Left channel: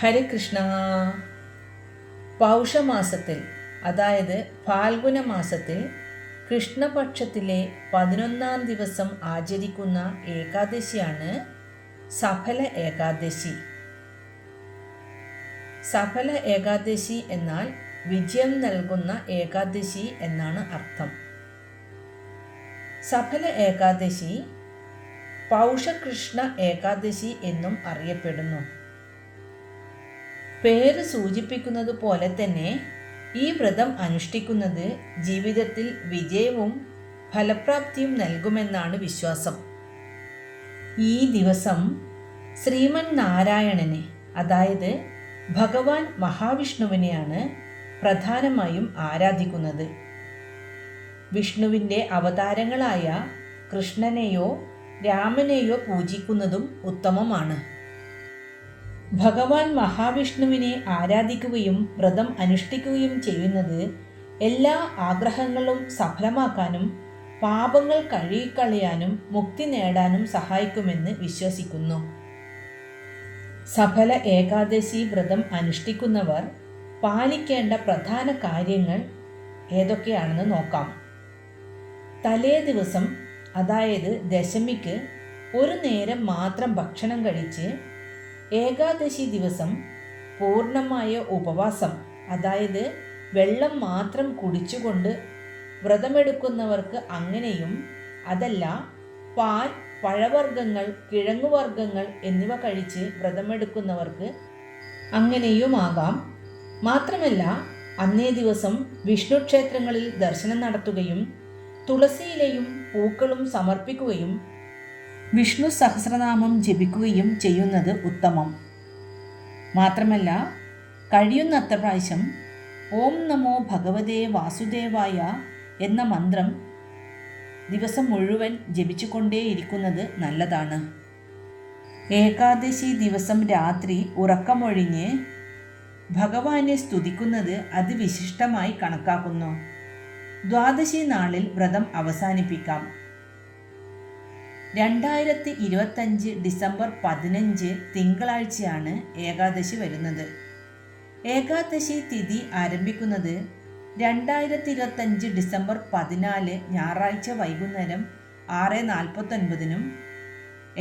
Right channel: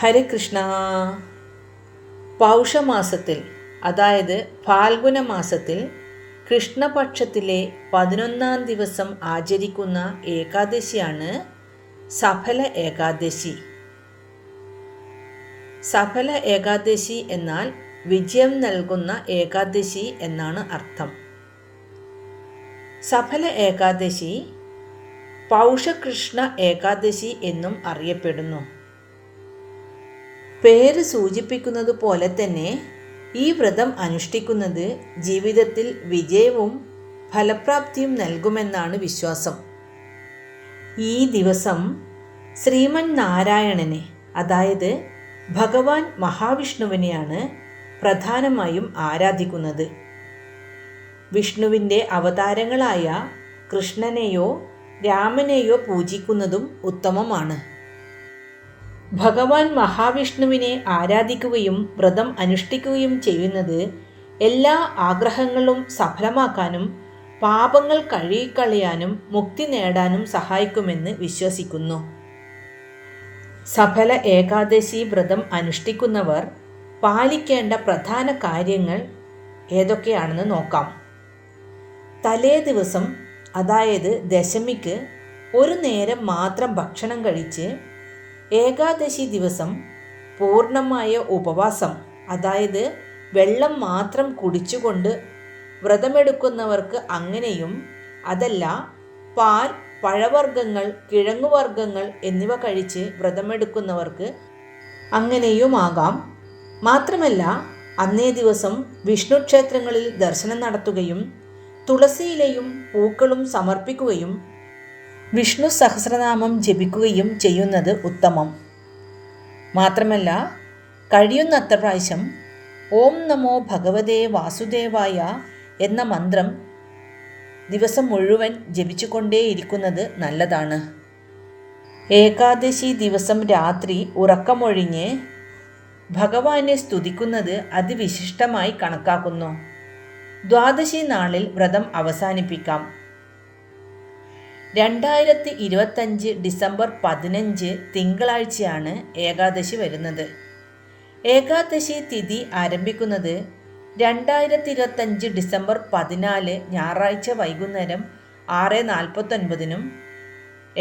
ഹരികൃഷ്ണ. പൗഷമാസത്തിൽ, അതായത് ഫാൽഗുന മാസത്തിൽ കൃഷ്ണപക്ഷത്തിലെ 11-ാം ദിവസം ആചരിക്കുന്ന ഏകാദശിയാണ് സഫല ഏകാദശി. സഫല ഏകാദശി എന്നാൽ വിജയം നൽകുന്ന ഏകാദശി എന്നാണ് അർത്ഥം. സഫല ഏകാദശി പൗഷകൃഷ്ണ ഏകാദശി എന്നും അറിയപ്പെടുന്നു. പേര് സൂചിപ്പിക്കുന്നത് പോലെ തന്നെ ഈ വ്രതം അനുഷ്ഠിക്കുന്നത് ജീവിതത്തിൽ വിജയവും ഫലപ്രാപ്തിയും നൽകുമെന്നാണ് വിശ്വാസം. ഈ ദിവസം ശ്രീമൻ നാരായണനെ, അതായത് ഭഗവാൻ മഹാവിഷ്ണുവിനെയാണ് പ്രധാനമായും ആരാധിക്കുന്നത്. വിഷ്ണുവിൻ്റെ അവതാരങ്ങളായ കൃഷ്ണനെയോ രാമനെയോ പൂജിക്കുന്നതും ഉത്തമമാണ്. ഭഗവാൻ മഹാവിഷ്ണുവിനെ ആരാധിക്കുകയും വ്രതം അനുഷ്ഠിക്കുകയും ചെയ്യുന്നത് എല്ലാ ആഗ്രഹങ്ങളും സഫലമാക്കാനും പാപങ്ങൾ കഴുകിക്കളയാനും മുക്തി നേടാനും സഹായിക്കുമെന്ന് വിശ്വസിക്കുന്നു. സഫല ഏകാദശി വ്രതം അനുഷ്ഠിക്കുന്നവർ പാലിക്കേണ്ട പ്രധാന കാര്യങ്ങൾ ഏതൊക്കെയാണെന്ന് നോക്കാം. തലേ ദിവസം, അതായത് ദശമിക്ക് ഒരു നേരം മാത്രം ഭക്ഷണം കഴിച്ച് ഏകാദശി ദിവസം പൂർണ്ണമായ ഉപവാസം, അതായത് വെള്ളം മാത്രം കുടിച്ചുകൊണ്ട് വ്രതമെടുക്കുന്നവർക്ക് അങ്ങനെയും, അതല്ല പാൽ, പഴവർഗ്ഗങ്ങൾ, കിഴങ്ങുവർഗ്ഗങ്ങൾ എന്നിവ കഴിച്ച് വ്രതമെടുക്കുന്നവർക്ക് അങ്ങനെയുമാകാം. മാത്രമല്ല, അന്നേ ദിവസം വിഷ്ണു ക്ഷേത്രങ്ങളിൽ ദർശനം നടത്തുകയും തുളസിയിലയും പൂക്കളും സമർപ്പിക്കുകയും വിഷ്ണു സഹസ്രനാമം ജപിക്കുകയും ചെയ്യുന്നത് ഉത്തമം. മാത്രമല്ല, കഴിയുന്നത്ര പ്രാവശ്യം ഓം നമോ ഭഗവതേ വാസുദേവായ എന്ന മന്ത്രം ദിവസം മുഴുവൻ ജപിച്ചുകൊണ്ടേയിരിക്കുന്നത് നല്ലതാണ്. ഏകാദശി ദിവസം രാത്രി ഉറക്കമൊഴിഞ്ഞ് ഭഗവാനെ സ്തുതിക്കുന്നത് അതിവിശിഷ്ടമായി കണക്കാക്കുന്നു. ദ്വാദശി നാളിൽ വ്രതം അവസാനിപ്പിക്കാം. 2025 ഡിസംബർ 15 തിങ്കളാഴ്ചയാണ് ഏകാദശി വരുന്നത്. ഏകാദശി തിഥി ആരംഭിക്കുന്നത് 2025 ഡിസംബർ 14 ഞായറാഴ്ച വൈകുന്നേരം 6:49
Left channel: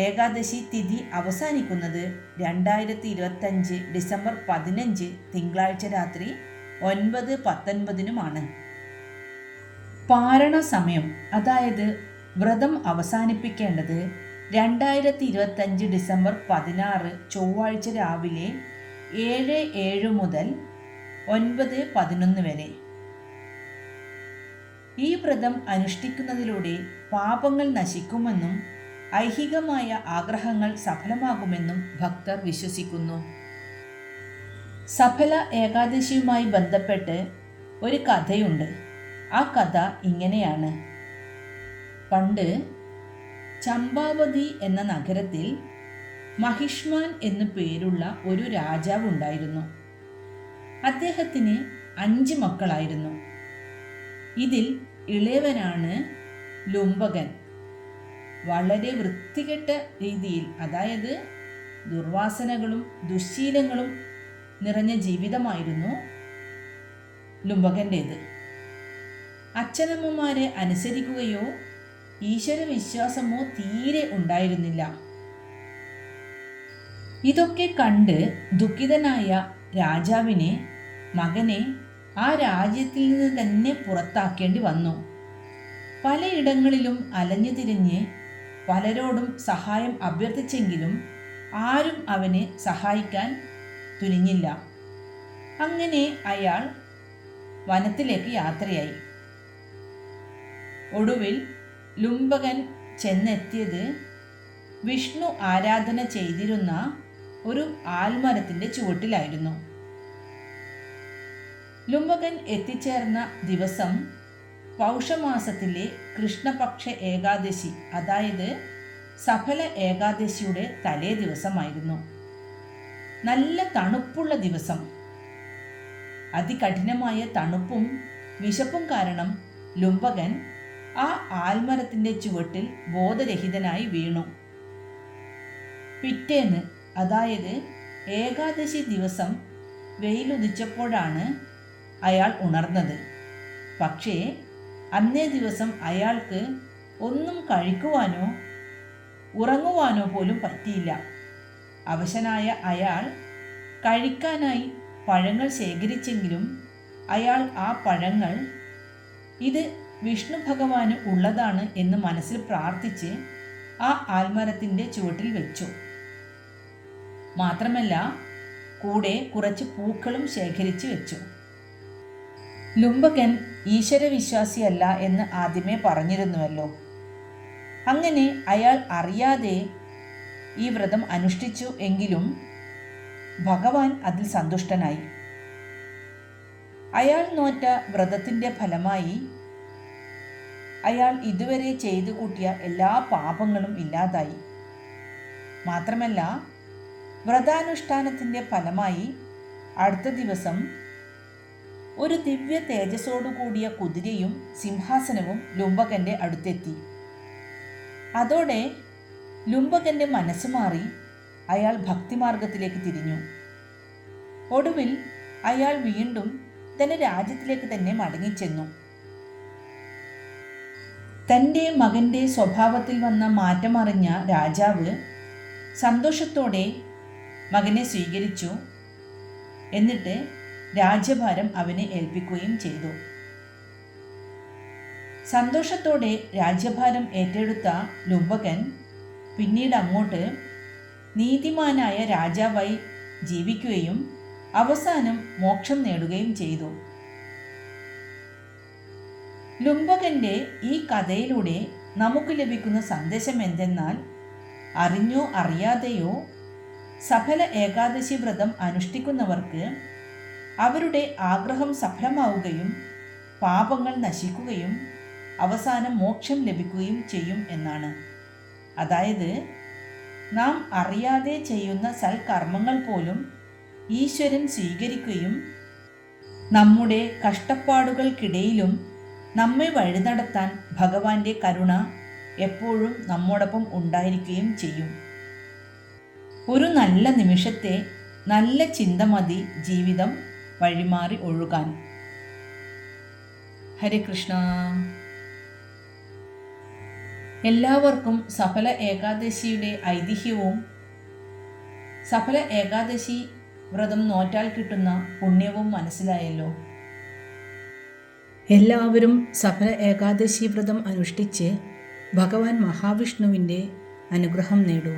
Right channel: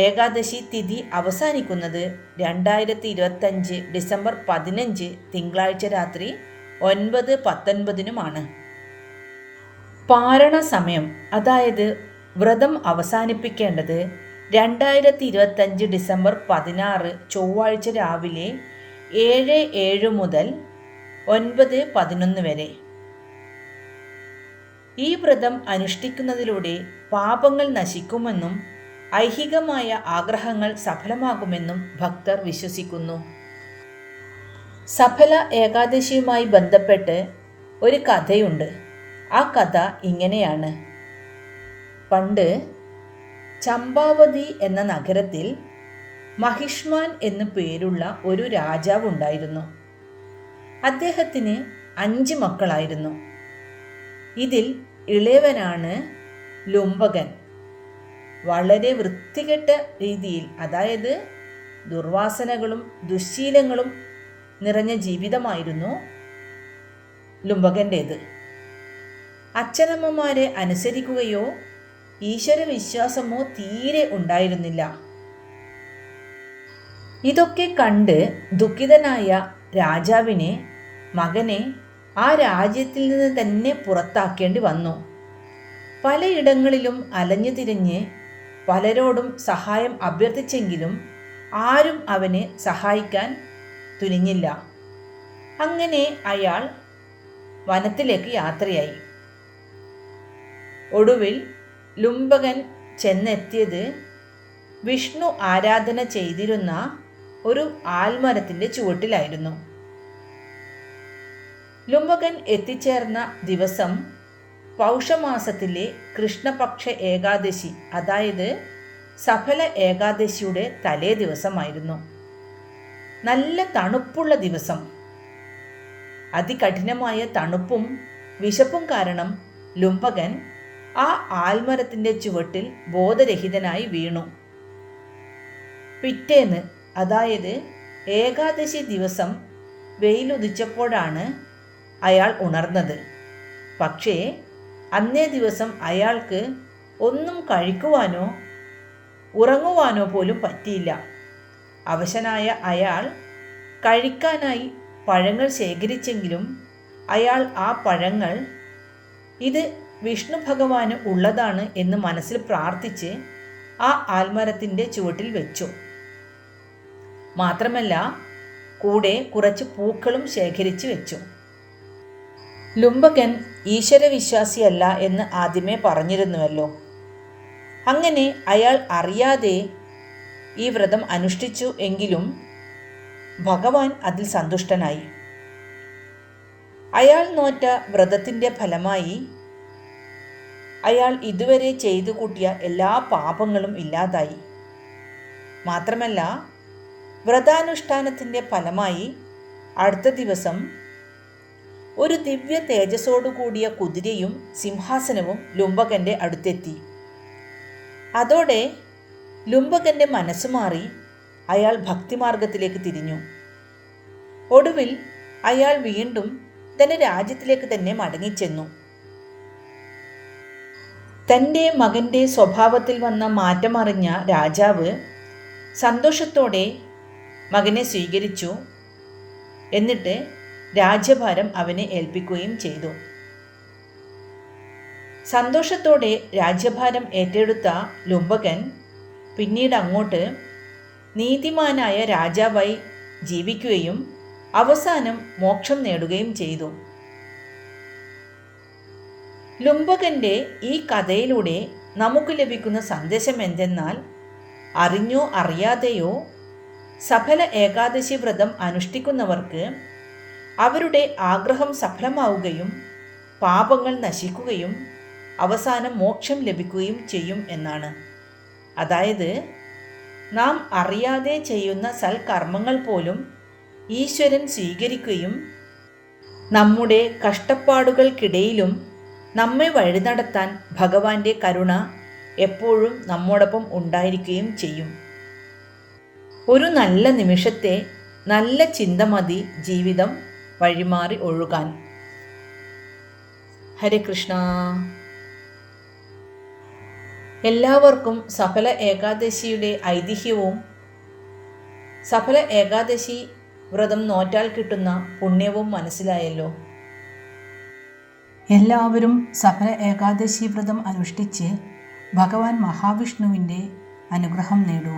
ഏകാദശി തിഥി അവസാനിക്കുന്നത് 2025 ഡിസംബർ 15 തിങ്കളാഴ്ച രാത്രി 9:19 പാരണ സമയം, അതായത് വ്രതം അവസാനിപ്പിക്കേണ്ടത് 2025 ഡിസംബർ 16 ചൊവ്വാഴ്ച രാവിലെ 7:07 മുതൽ 9:11 വരെ. ഈ വ്രതം അനുഷ്ഠിക്കുന്നതിലൂടെ പാപങ്ങൾ നശിക്കുമെന്നും ഐഹികമായ ആഗ്രഹങ്ങൾ സഫലമാകുമെന്നും ഭക്തർ വിശ്വസിക്കുന്നു. സഫല ഏകാദശിയുമായി ബന്ധപ്പെട്ട് ഒരു കഥയുണ്ട്. ആ കഥ ഇങ്ങനെയാണ്. പണ്ട് ചമ്പാവതി എന്ന നഗരത്തിൽ മഹിഷ്മാൻ എന്നു പേരുള്ള ഒരു രാജാവ് ഉണ്ടായിരുന്നു. അദ്ദേഹത്തിന് 5 മക്കളായിരുന്നു. ഇതിൽ ഇളയവനാണ് ലുംബകൻ. വളരെ വൃത്തികെട്ട രീതിയിൽ, അതായത് ദുർവാസനകളും ദുശ്ശീലങ്ങളും നിറഞ്ഞ ജീവിതമായിരുന്നു ലുംബകൻ്റേത്. അച്ഛനമ്മമാരെ അനുസരിക്കുകയോ ഈശ്വരവിശ്വാസമോ തീരെ ഉണ്ടായിരുന്നില്ല. ഇതൊക്കെ കണ്ട് ദുഃഖിതനായ രാജാവിന് മകനെ ആ രാജ്യത്തിൽ നിന്ന് തന്നെ പുറത്താക്കേണ്ടി വന്നു. പലയിടങ്ങളിലും അലഞ്ഞു തിരിഞ്ഞ് പലരോടും സഹായം അഭ്യർത്ഥിച്ചെങ്കിലും ആരും അവനെ സഹായിക്കാൻ തുനിഞ്ഞില്ല. അങ്ങനെ അയാൾ വനത്തിലേക്ക് യാത്രയായി. ഒടുവിൽ ലുംബകൻ ചെന്നെത്തിയത് വിഷ്ണു ആരാധന ചെയ്തിരുന്ന ഒരു ആൽമരത്തിൻ്റെ ചുവട്ടിലായിരുന്നു. ലുംബകൻ എത്തിച്ചേർന്ന ദിവസം പൗഷമാസത്തിലെ കൃഷ്ണപക്ഷ ഏകാദശി, അതായത് സഫല ഏകാദശിയുടെ തലേ ദിവസമായിരുന്നു. നല്ല തണുപ്പുള്ള ദിവസം. അതികഠിനമായ തണുപ്പും വിശപ്പും കാരണം ലുംബകൻ ആ ആൽമരത്തിൻ്റെ ചുവട്ടിൽ ബോധരഹിതനായി വീണു. പിറ്റേന്ന്, അതായത് ഏകാദശി ദിവസം വെയിലുദിച്ചപ്പോഴാണ് അയാൾ ഉണർന്നത്. പക്ഷേ അന്നേ ദിവസം അയാൾക്ക് ഒന്നും കഴിക്കുവാനോ ഉറങ്ങുവാനോ പോലും പറ്റിയില്ല. അവശനായ അയാൾ കഴിക്കാനായി പഴങ്ങൾ ശേഖരിച്ചെങ്കിലും അയാൾ ആ പഴങ്ങൾ ഇത് വിഷ്ണു ഭഗവാന് ഉള്ളതാണ് എന്ന് മനസ്സിൽ പ്രാർത്ഥിച്ച് ആ ആൽമരത്തിൻ്റെ ചുവട്ടിൽ വെച്ചു. മാത്രമല്ല കൂടെ കുറച്ച് പൂക്കളും ശേഖരിച്ചു വെച്ചു. ലുംബകൻ ഈശ്വരവിശ്വാസിയല്ല എന്ന് ആദ്യമേ പറഞ്ഞിരുന്നുവല്ലോ. അങ്ങനെ അയാൾ അറിയാതെ ഈ വ്രതം അനുഷ്ഠിച്ചു എങ്കിലും ഭഗവാൻ അതിൽ സന്തുഷ്ടനായി. അയാൾ നോറ്റ വ്രതത്തിൻ്റെ ഫലമായി അയാൾ ഇതുവരെ ചെയ്തു കൂട്ടിയ എല്ലാ പാപങ്ങളും ഇല്ലാതായി. മാത്രമല്ല വ്രതാനുഷ്ഠാനത്തിൻ്റെ ഫലമായി അടുത്ത ദിവസം ഒരു ദിവ്യ തേജസ്സോടുകൂടിയ കുതിരയും സിംഹാസനവും ലുംബകൻ്റെ അടുത്തെത്തി. അതോടെ ലുംബകൻ്റെ മനസ്സ് മാറി അയാൾ ഭക്തിമാർഗത്തിലേക്ക് തിരിഞ്ഞു. ഒടുവിൽ അയാൾ വീണ്ടും തൻ്റെ രാജ്യത്തിലേക്ക് തന്നെ മടങ്ങിച്ചെന്നു. തൻ്റെ മകൻ്റെ സ്വഭാവത്തിൽ വന്ന മാറ്റമറിഞ്ഞ രാജാവ് സന്തോഷത്തോടെ മകനെ സ്വീകരിച്ചു. എന്നിട്ട് രാജ്യഭാരം അവനെ ഏൽപ്പിക്കുകയും ചെയ്തു. സന്തോഷത്തോടെ രാജ്യഭാരം ഏറ്റെടുത്ത ലുംബകൻ പിന്നീട് അങ്ങോട്ട് നീതിമാനായ രാജാവായി ജീവിക്കുകയും അവസാനം മോക്ഷം നേടുകയും ചെയ്തു. ലുംബകൻ്റെ ഈ കഥയിലൂടെ നമുക്ക് ലഭിക്കുന്ന സന്ദേശം എന്തെന്നാൽ, അറിഞ്ഞോ അറിയാതെയോ സഫല ഏകാദശി വ്രതം അനുഷ്ഠിക്കുന്നവർക്ക് അവരുടെ ആഗ്രഹം സഫലമാവുകയും പാപങ്ങൾ നശിക്കുകയും അവസാനം മോക്ഷം ലഭിക്കുകയും ചെയ്യും എന്നാണ്. അതായത് നാം അറിയാതെ ചെയ്യുന്ന സൽക്കർമ്മങ്ങൾ പോലും ഈശ്വരൻ സ്വീകരിക്കുകയും നമ്മുടെ കഷ്ടപ്പാടുകൾക്കിടയിലും നമ്മെ വഴി നടത്താൻ ഭഗവാന്റെ കരുണ എപ്പോഴും നമ്മോടൊപ്പം ഉണ്ടായിരിക്കുകയും ചെയ്യും. ഒരു നല്ല നിമിഷത്തെ നല്ല ചിന്ത മതി ജീവിതം വഴിമാറി ഒഴുകാൻ. ഹരേ കൃഷ്ണ. എല്ലാവർക്കും സഫല ഏകാദശിയുടെ ഐതിഹ്യവും സഫല ഏകാദശി വ്രതം നോറ്റാൽ കിട്ടുന്ന പുണ്യവും മനസ്സിലായല്ലോ. എല്ലാവരും സഫല ഏകാദശി വ്രതം അനുഷ്ഠിച്ച് ഭഗവാൻ മഹാവിഷ്ണുവിൻ്റെ അനുഗ്രഹം നേടൂ.